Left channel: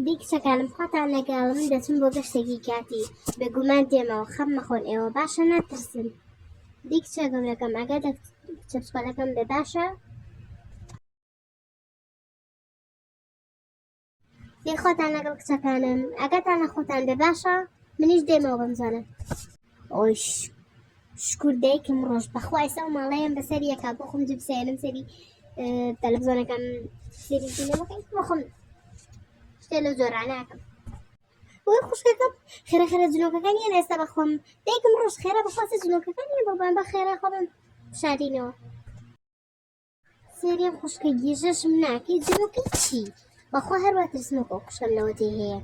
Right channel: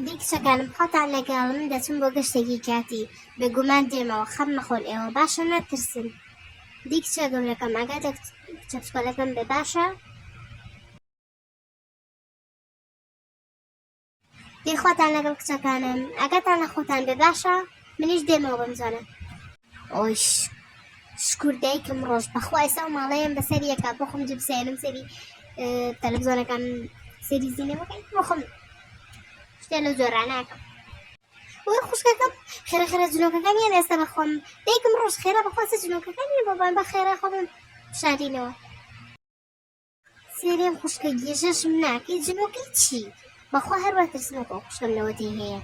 دیک شەکانم خۆتان لەگەڵم دەچم بۆ گەشتێکی کاتی بێگومان دێمەوە خەم نەخۆن ئێوە باشە ناترسن. دیک چە گەورەکەم ئەگە کچە بچکۆلەکەم بێ باشە دی خۆتان لەگەڵ کچەکانم ئەگەتان لە خۆتان بێ باشە منیش دێمەوە بەم زۆرە. ئۆیش شکور دایکم ڕۆژ بەخوا ئێستا ماڵەیەم بەسەر یەکە بۆ خۆم جبسێنم سەری تەلەڤیزۆنەکەم سەری زینەوەکەی بۆ خۆم شتێ لە زۆرا ناکەم. وەی خوشکەکەم خێرا جلۆکەکانیان ئێستا بەخۆم دایکم ڕۆژ خێرا بەخواسە جلۆکەکانی بۆبان بە خێرا خۆم شاردینەوە. سێریان خوشکە گێژەشم ناکەی جلۆکەی چی بەخوا هەروە ترسنەکە خوشکەم لەوەتی هەیە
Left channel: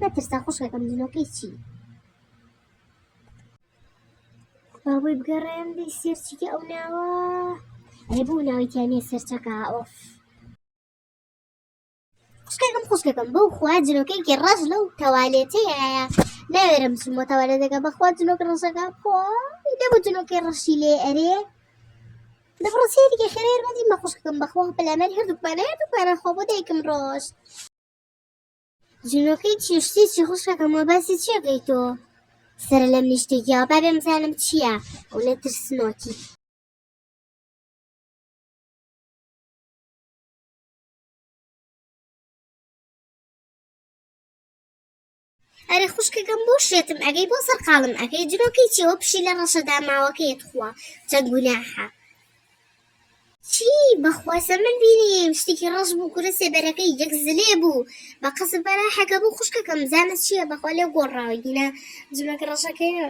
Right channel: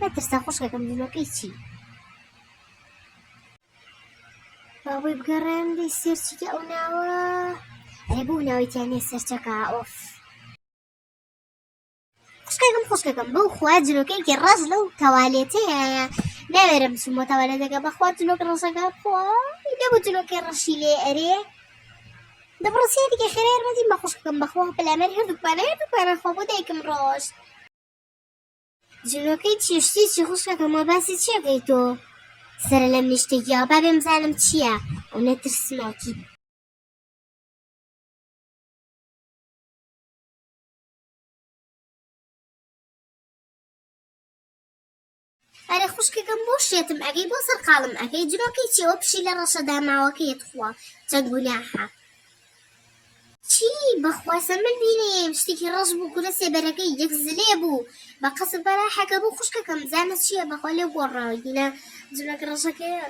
نەترسا خوشکەکەم جلۆکەی چی بابۆی بگەڕێم دەی سێرچیکە ئەو ناوە ئەێ بۆ ناویتیانێ سەرچەکە ئۆف خوشکەکەم بەو خوا جلۆکەیەکی ڕەش لەو تەوالێتەیە ناوێرم بچمەوە تەوالێتەکە بەخوا جلۆک ڕەشەکە خۆی دەبوو جلۆکەی ڕەشی لێ ئەرێ دەبڕۆ سێریکە خێرێر بەدیم بە خوشکەکەم بەخوا پەلامەر هەردووکمانە خۆ بۆ دایکم ڕۆژ جلۆکەی چێشتی چی خوشکەکەمەوە باسی چیەکەی تۆ سەرە لەم نیشتێکیەوە با بێ بزانم چییە ئەو نەترسنۆکی ئەرێ خوشکەکەم بۆ شێتم ئەگەی بۆ سەرقاڵم ئەەکەی جلۆکەی چیەوە پشی لە ڕەشەدا ماوەکەیت خوا چەند گوناحە چی بەخواسە من بینیم شتێکی ڕەش بوو کورە سێبەرەکەی یەک زلێ بوو بە قەسب بەراحەکە بوو خوشکەکەم زانست چییە بەخوا لێ گۆڕاوە گینە جلۆکە ڕەشەکەیە